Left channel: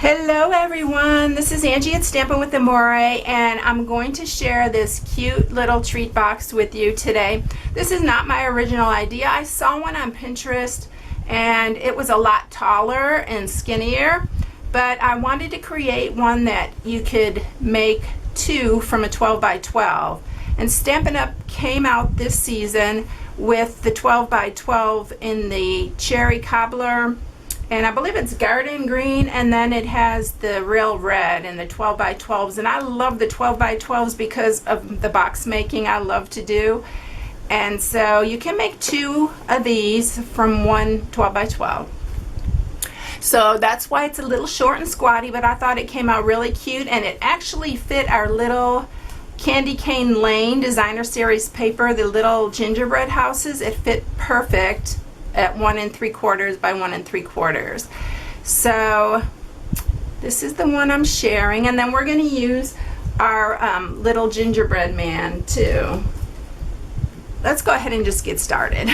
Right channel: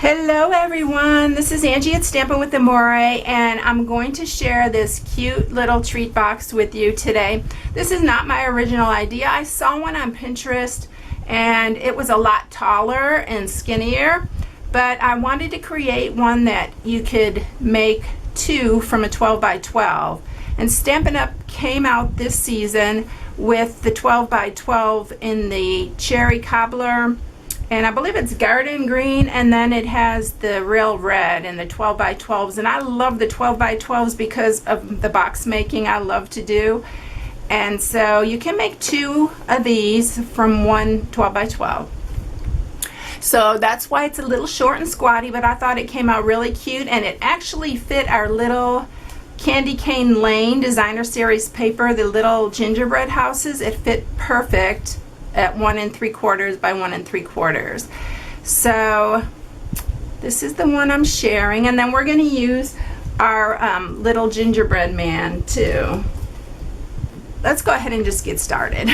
Hello everyone, this is Angie at Stampin' with Amore, and I'm going to share this cute little treat box with you today. This is not my original idea. I saw one on Pinterest and it was a lot taller and skinnier, but I wanted to create one that you could make two from a 12 by 12. And Stampin' Up came out this season with the 12 by 12 in the cherry cobbler, and I believe it's garden green, and then it has the real red and the 12 by 12s. And I love the 12 by 12s because of the box making I love to do. And so you can make two of these from one 12 by 12. So that's why it's a little short and squatty, but I thought it came out really cute, and it actually fit our little Candy Cane Lane designer series paper, the little gingerbread houses. It fit perfect at 1 3/4 by 1 3/4. So this is the one I'm sharing, and then we're going to use our little gingerbread man too. Let's go ahead and just get started.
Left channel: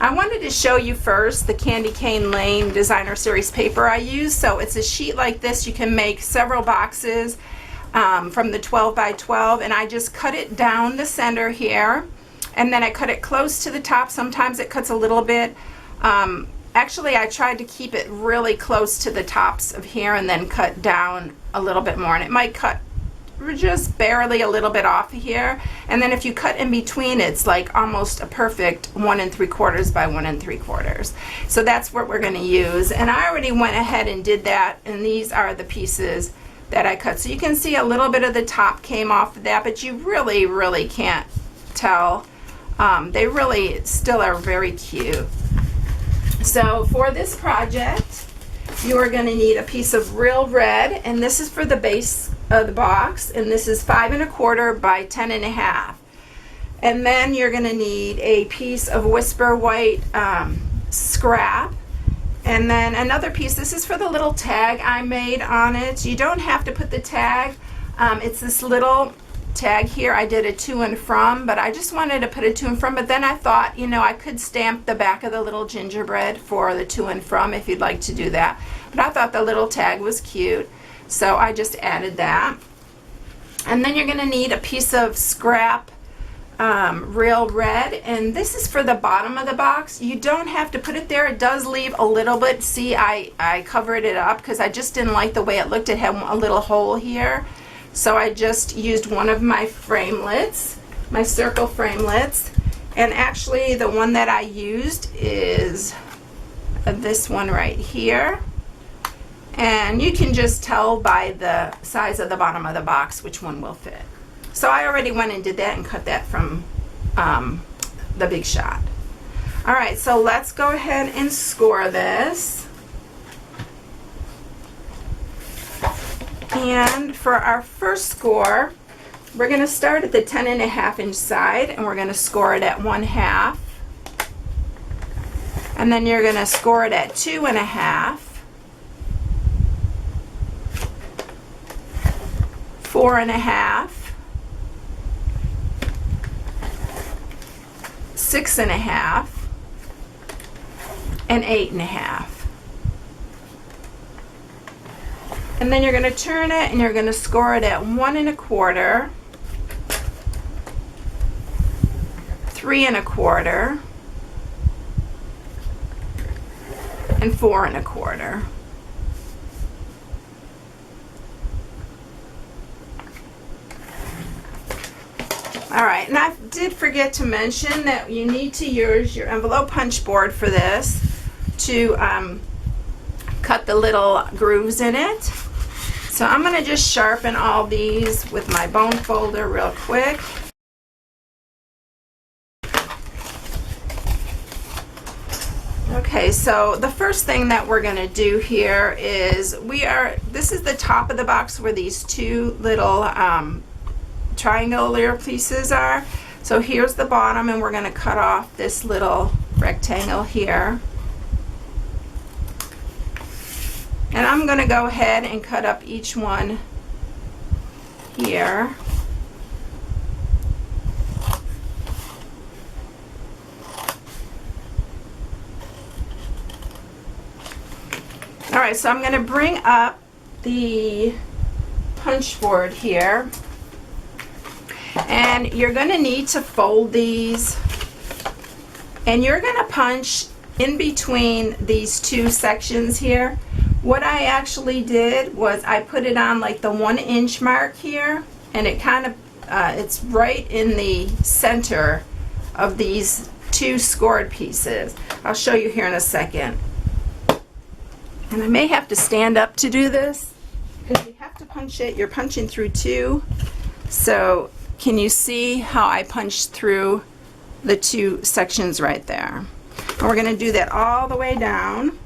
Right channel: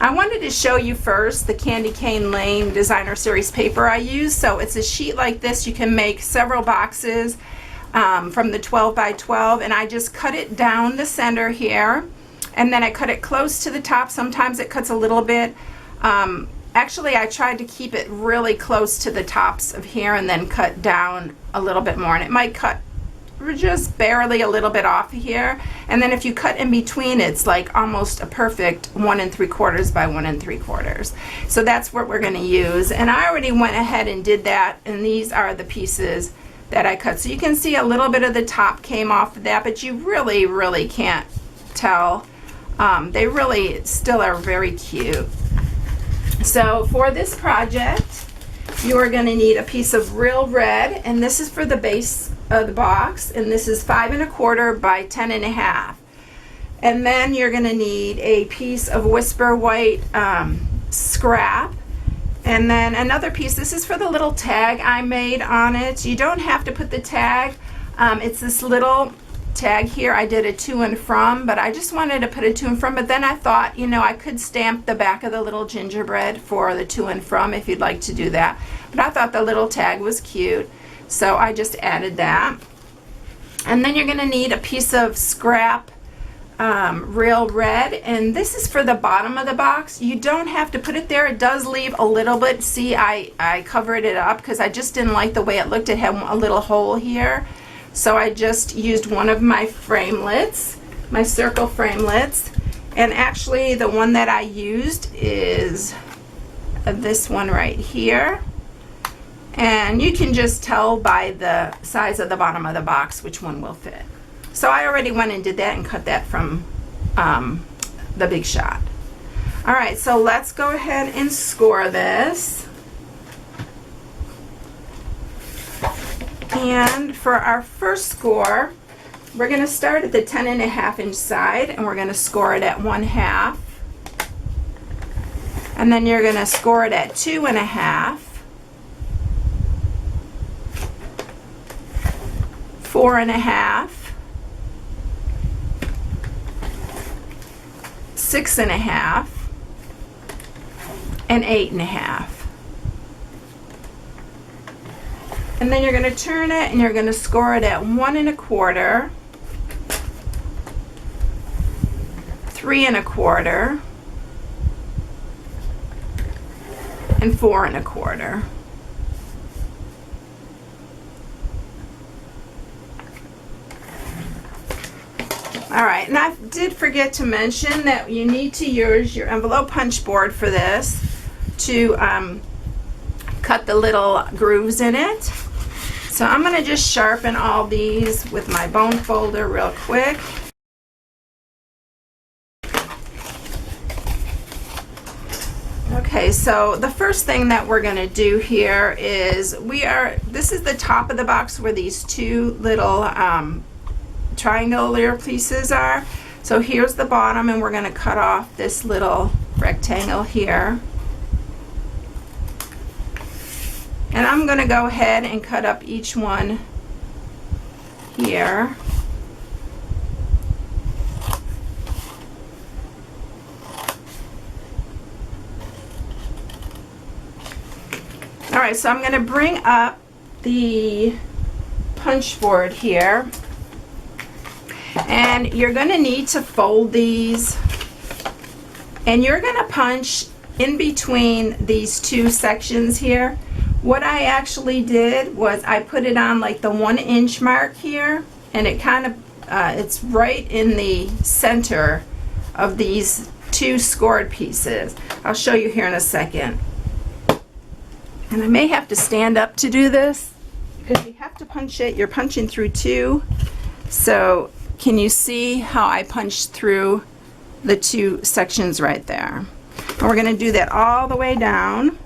I wanted to show you first the Candy Cane Lane designer series paper I use. So it's a sheet like this. You can make several boxes from the 12 by 12, and I just cut it down the center here. And then I cut it close to the top. Sometimes it cuts a little bit. Actually, I tried to keep it really close to the tops of here and then cut down a little bit more. And it might cut just barely a little bit off of here. And then if you cut in between, it's like almost a perfect 1 3/4 by 1 3/4. So that's what we're going to use. And I already went ahead and did that. And these are the pieces that I cut. So you can see a little bit of the top came off of that, but you really can't tell. They really still are very cute. So for this project, you are going to need a piece of real red, and this is for the base of the box, and this is 5 1/4 by 10 1/2. And then you're going to need a piece of Whisper White scrap, and then another piece. This is for the little tag I made on it. You don't have to put the tag. It's this little tag here. I did a to and from, but I just wanted to put a to and from, but then I thought, you know, I could stamp the back of the little gingerbread for the to and from if you'd like to do that, but I thought the little tag was cute, so I just added that. And then you're going to need a piece of scrap real red, and this is for the bottom of the box. You don't have to put it there. It does leave a little bit. See, I covered it up because I just didn't like the way it looked. It had a little hole here. So I just used one of my framelits, my circle framelits, and actually the one that I used is this one right here. And you can just tell by the size of the bottom of the box which one will fit. So I already went and did that and cut that from the Big Shot. All right, so let's go ahead and score this. And for our first score, we're going to start at the 10 1/2 inch side, and we're going to score it at 1/2. And then you're going to score it at 2 1/2, 4 1/2, 6 1/2, and 8 1/2. And then you're going to turn it and you're going to score it at 1 1/4, 3 1/4, and 4 1/4. Alright, and I did forget to mention that you need to use your envelope punch board for this to cut the little grooves in it. So I'm going to just sharpen all these with my bone folder real quick. Okay, so the first thing that we're going to do here is this is the top of the box where these two little triangular pieces are. So here's the bottom, and we're going to cut off this little rectangle here. And I'm going to go ahead and cut up each one here. Alright, so I'm going to bring up the punch board here, and you're going to need to fold these, and you're going to punch in between these two sections here. What I actually did was I put it on like the 1 inch mark here, and it kind of it's right in the center of these two scored pieces. I'll show you here in a second. And I may have to stand up to do this because you have to punch it. You're punching through two. So can you see how I punched through the two sections right there? And we're going to do that all the way down.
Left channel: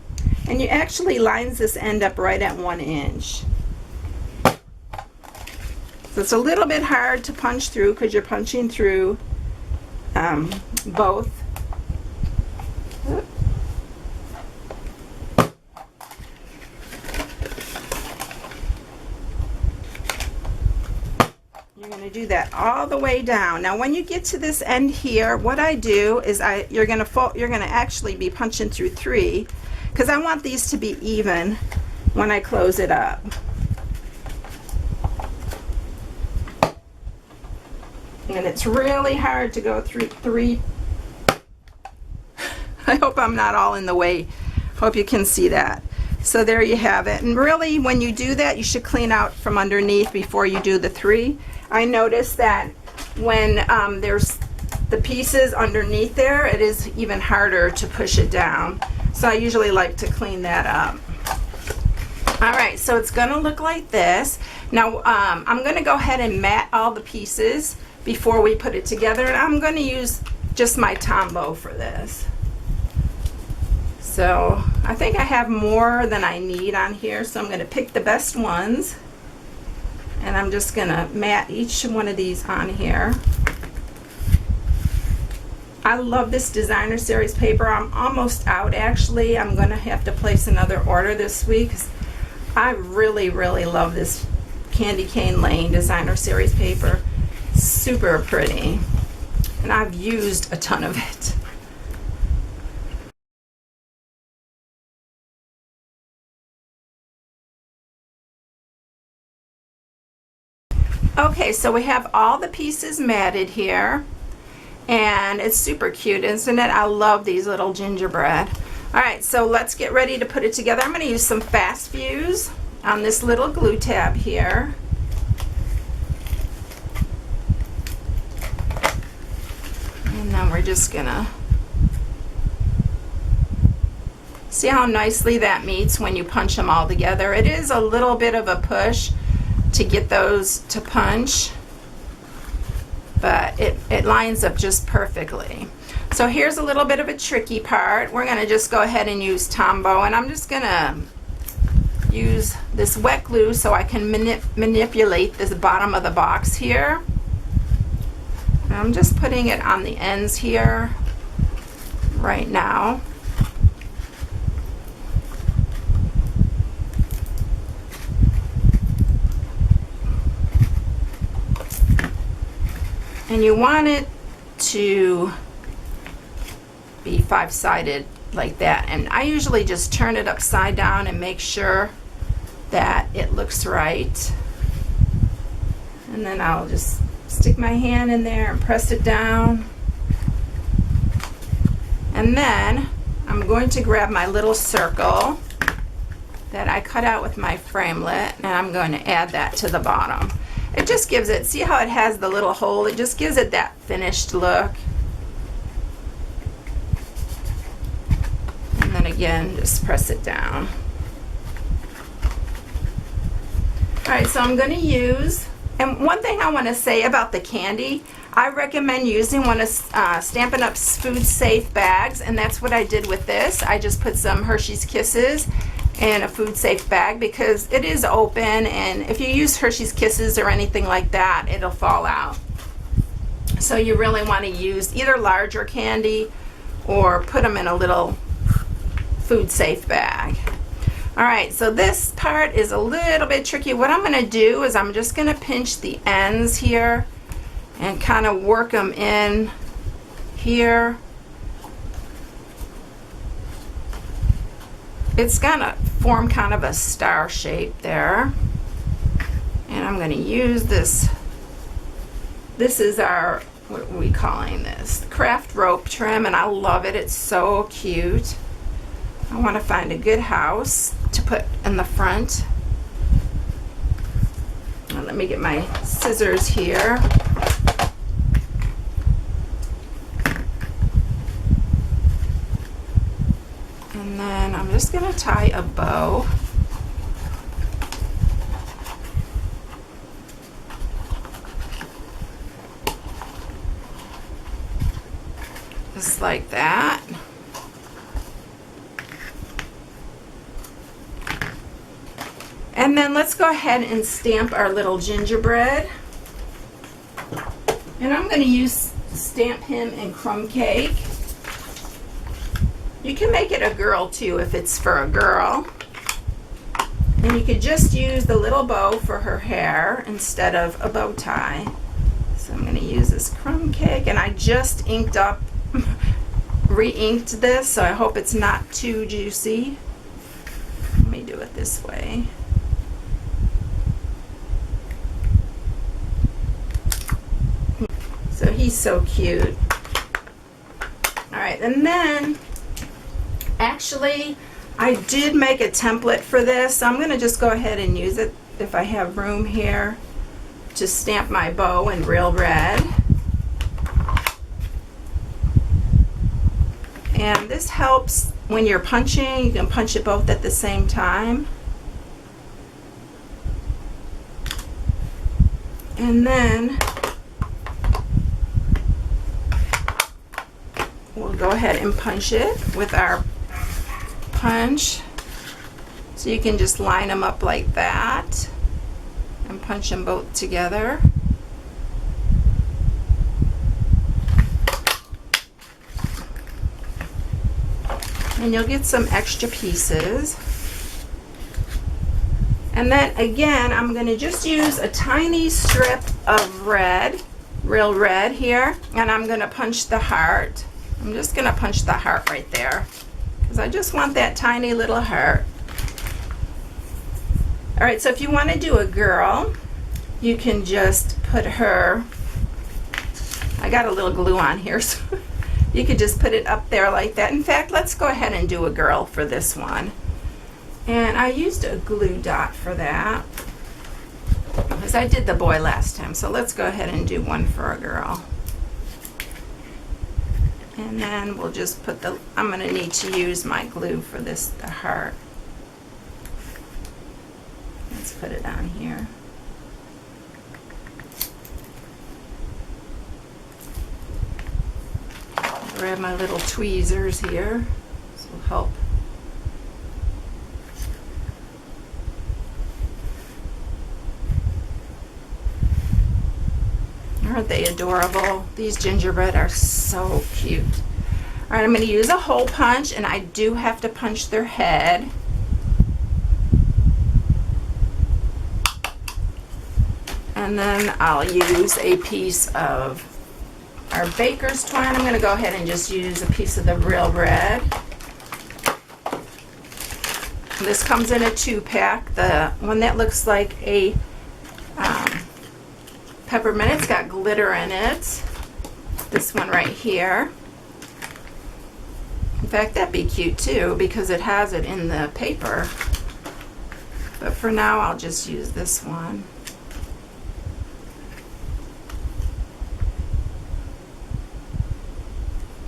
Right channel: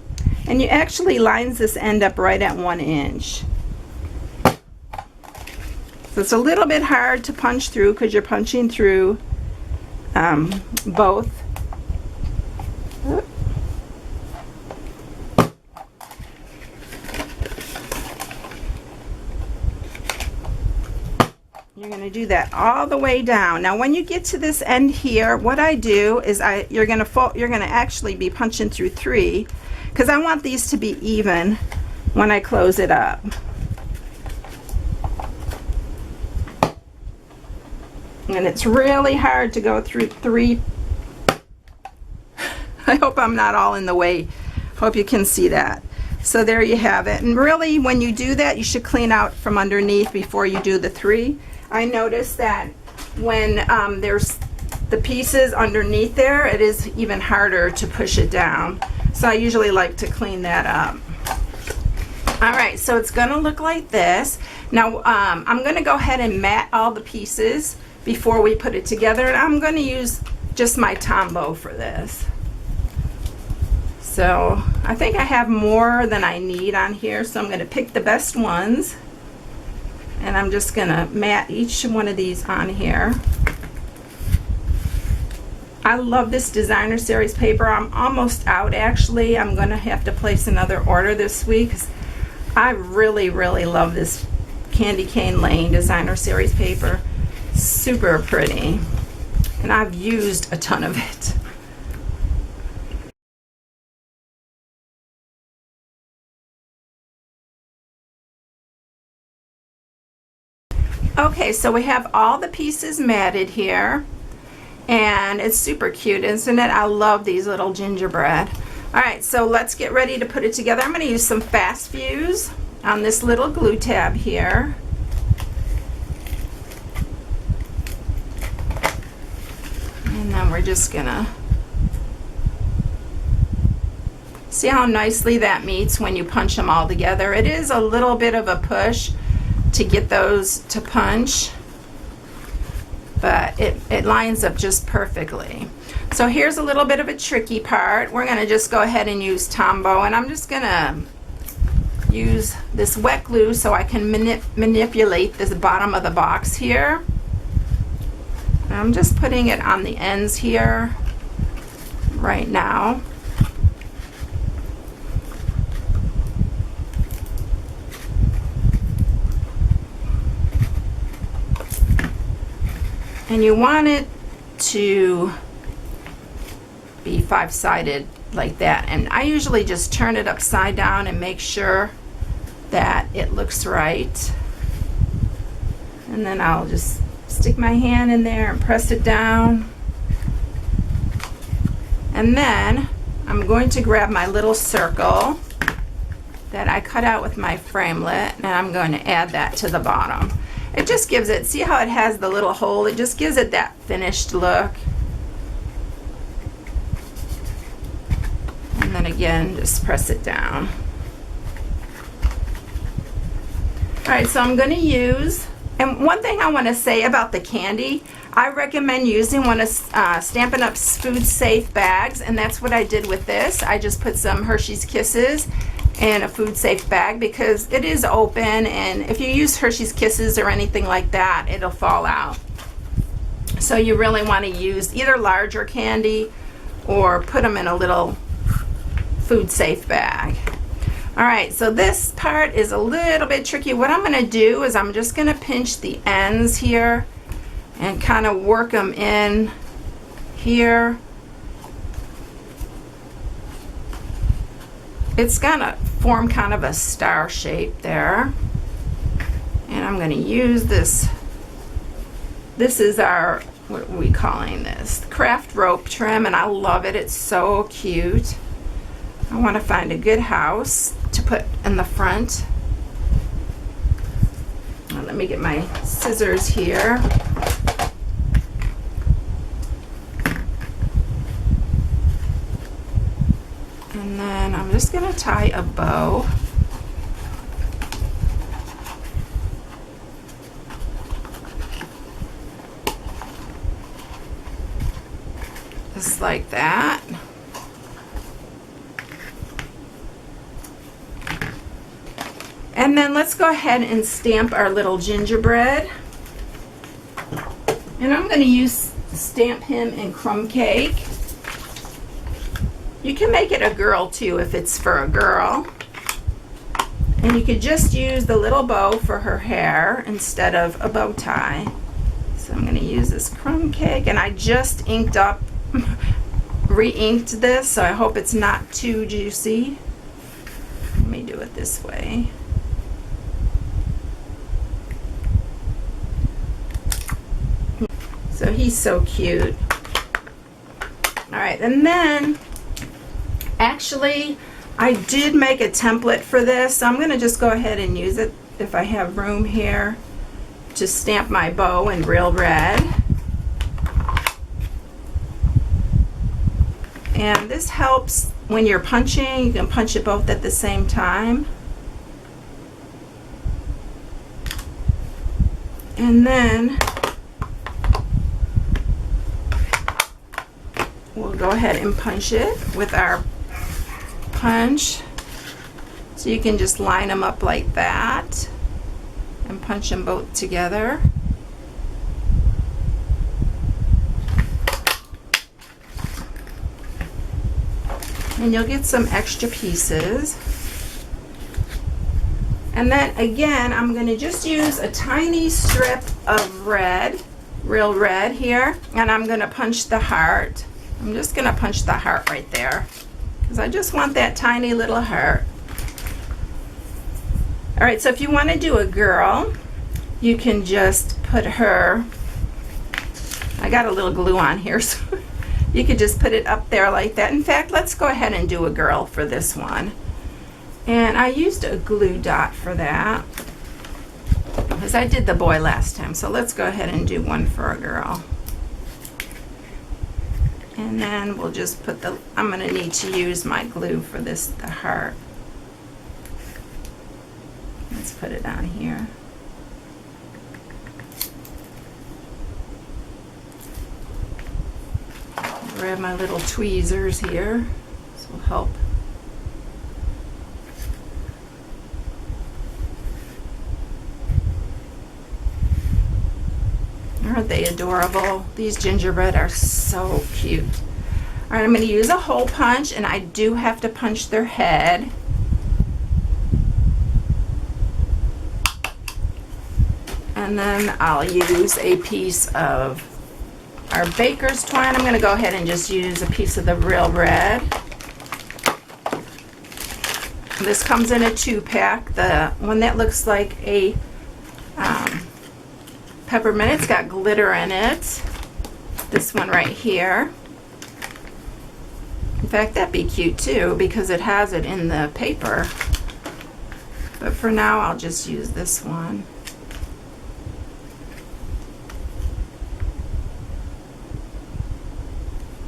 And you actually lines this end up right at 1 inch. So it's a little bit hard to punch through because you're punching through both. You're going to do that all the way down. Now when you get to this end here, what I do is you're going to actually be punching through 3 because I want these to be even when I close it up. And it's really hard to go through 3. I hope I'm not all in the way. Hope you can see that. So there you have it. And really when you do that, you should clean out from underneath before you do the 3. I noticed that when there's the pieces underneath there, it is even harder to push it down. So I usually like to clean that up. Alright, so it's going to look like this. Now I'm going to go ahead and mat all the pieces before we put it together, and I'm going to use just my Tombow for this. So I think I have more than I need on here, so I'm going to pick the best ones, and I'm just going to mat each one of these on here. I love this designer series paper. I'm almost out actually. I'm going to have to place another order this week. I really love this Candy Cane Lane designer series paper. Super pretty, and I've used a ton of it. Okay, so we have all the pieces matted here, and it's super cute, isn't it? I love these little gingerbread. Alright, so let's get ready to put it together. I'm going to use some fast fuse on this little glue tab here. And then we're just gonna see how nicely that meets when you punch them all together. It is a little bit of a push to get those to punch, but it lines up just perfectly. So here's a little bit of a tricky part. We're gonna just go ahead and use Tombow, and I'm just gonna use this wet glue so I can manipulate this bottom of the box here. I'm just putting it on the ends here right now. And you want it to be 5-sided like that. And I usually just turn it upside down and make sure that it looks right. And then I'll just stick my hand in there and press it down. And then I'm going to grab my little circle that I cut out with my framelit, and I'm going to add that to the bottom. It just gives it, see how it has the little hole? It just gives it that finished look. And then again, just press it down. Alright, so I'm going to use, and one thing I want to say about the candy, I recommend using one of Stampin' Up's food safe bags, and that's what I did with this. I just put some Hershey's Kisses in a food safe bag because it is open, and if you use Hershey's Kisses or anything like that, it'll fall out. So you really want to use either larger candy or put them in a little food safe bag. Alright, so this part is a little bit tricky. What I'm going to do is I'm just going to pinch the ends here and kind of work them in here. It's going to form kind of a star shape there. And I'm going to use this. This is our, what are we calling this? Craft rope trim, and I love it. It's so cute. I want to find a good house to put in the front. Now, let me get my scissors here. And then I'm just going to tie a bow. Just like that. And then let's go ahead and stamp our little gingerbread. And I'm going to stamp him in crumb cake. You can make it a girl too if it's for a girl. And you could just use the little bow for her hair instead of a bow tie. So I'm going to use this crumb cake, and I just inked up, re-inked this, so I hope it's not too juicy. Let me do it this way. So he's so cute. All right, and then actually I did make a template for this, so I'm going to just go ahead and use it if I have room here to stamp my bow in real red. And this helps when you're punching. You can punch it both at the same time. And then we'll go ahead and punch it with our punch. So you can just line them up like that and punch them both together. And you'll get some extra pieces. And then again, I'm going to just use a tiny strip of red, real red here, and I'm going to punch the heart. I'm just going to punch the heart right there because I just want that tiny little heart. All right, so if you want to do a girl, you can just put her, I got a little glue on here, so you could just put it up there like that. In fact, let's go ahead and do a girl for this one. And I used a glue dot for that because I did the boy last time. So let's go ahead and do one for a girl. And then we'll just put the, I'm going to need to use my glue for this, the heart. Let's put it on here. Grab my little tweezers here. This will help. Aren't they adorable? These gingerbread are so cute. All right, I'm going to use a hole punch, and I do have to punch their head. And then I'll use a piece of our baker's twine. I'm going to go ahead and just use a piece of the real red. This comes in a 2-pack. The one that looks like a peppermint, it's got glitter in it. This one right here. In fact, that'd be cute too because it has it in the paper. But for now, I'll just use this one.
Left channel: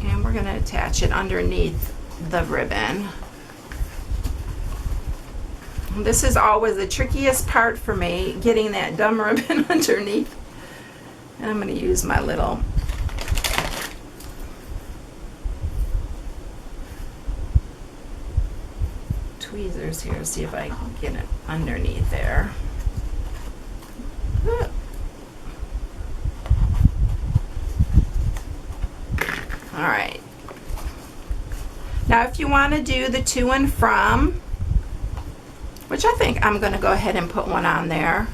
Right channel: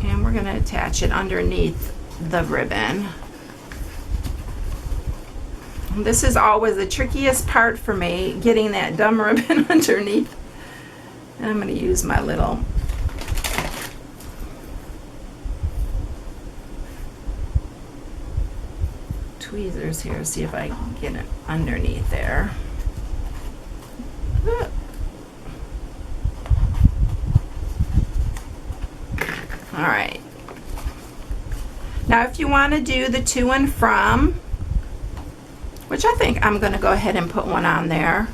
And we're going to attach it underneath the ribbon. This is always the trickiest part for me, getting that dumb ribbon underneath. And I'm going to use my little tweezers here, see if I can get it underneath there. All right. Now if you want to do the to and from, which I think I'm going to go ahead and put one on there.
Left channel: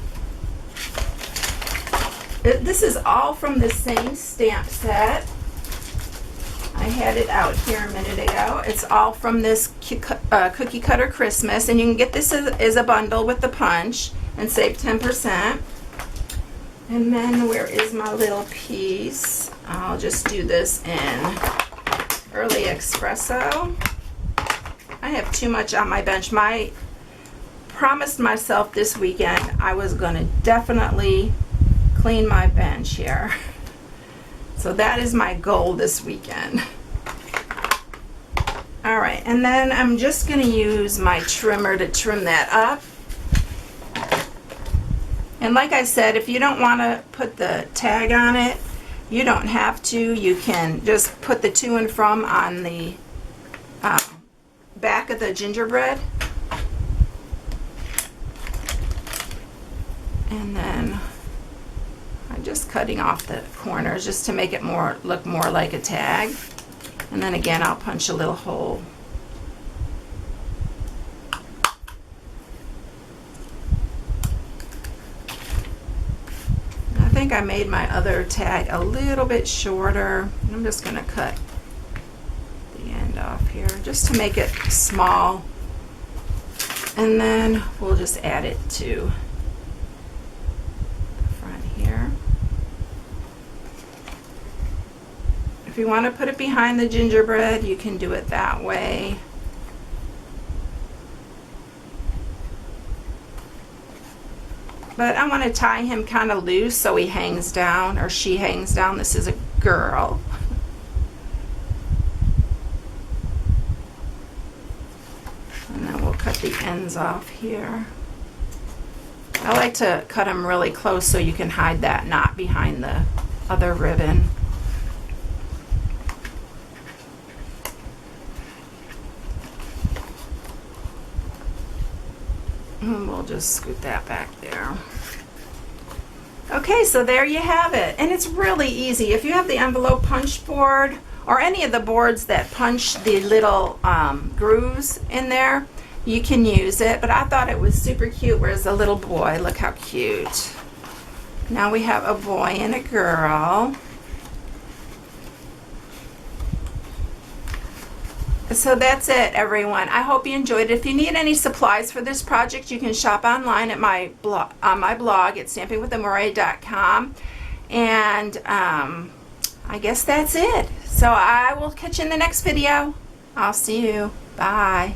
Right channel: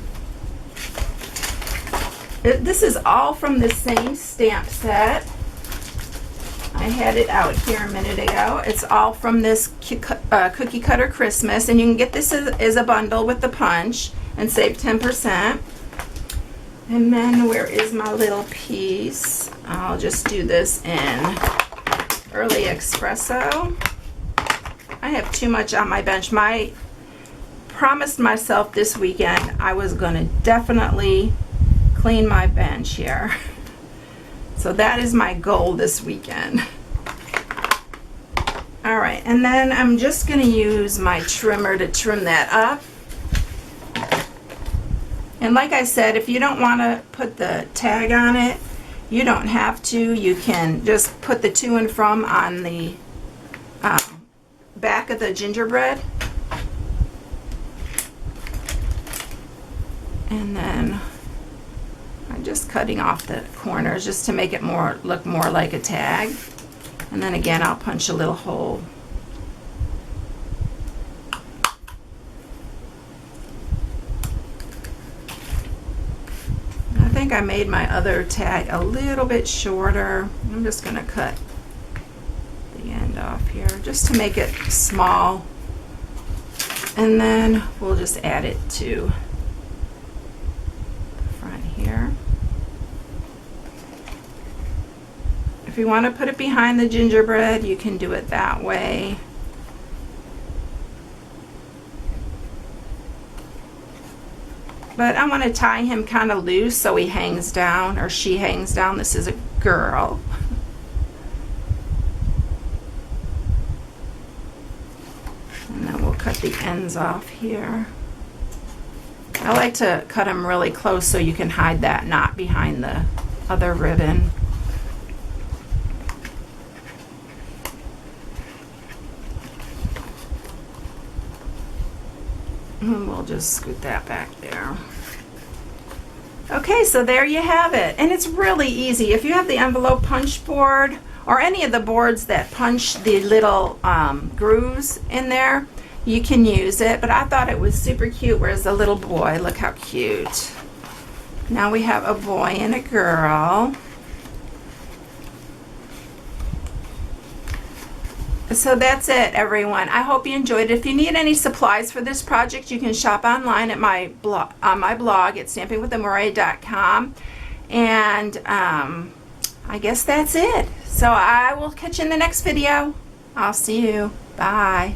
This is all from the same stamp set. I had it out here a minute ago. It's all from this Cookie Cutter Christmas, and you can get this as a bundle with the punch and save 10%. And then where is my little piece? I'll just do this in early espresso. I have too much on my bench. I promised myself this weekend I was going to definitely clean my bench here. So that is my goal this weekend. Alright, and then I'm just going to use my trimmer to trim that up. And like I said, if you don't want to put the tag on it, you don't have to. You can just put the to and from on the back of the gingerbread. And then I'm just cutting off the corners just to make it look more like a tag. And then again, I'll punch a little hole. I think I made my other tag a little bit shorter. I'm just going to cut the end off here just to make it small. And then we'll just add it to the front here. If you want to put it behind the gingerbread, you can do it that way. But I want to tie him kind of loose so he hangs down, or she hangs down. This is a girl. And then we'll cut the ends off here. I like to cut them really close so you can hide that knot behind the other ribbon. And we'll just scoot that back there. Okay, so there you have it. And it's really easy. If you have the envelope punch board or any of the boards that punch the little grooves in there, you can use it. But I thought it was super cute. Where's the little boy? Look how cute. Now we have a boy and a girl. So that's it, everyone. I hope you enjoyed it. If you need any supplies for this project, you can shop online at my blog, on my blog at stampingwithamore.com. And I guess that's it. So I will catch you in the next video. I'll see you. Bye.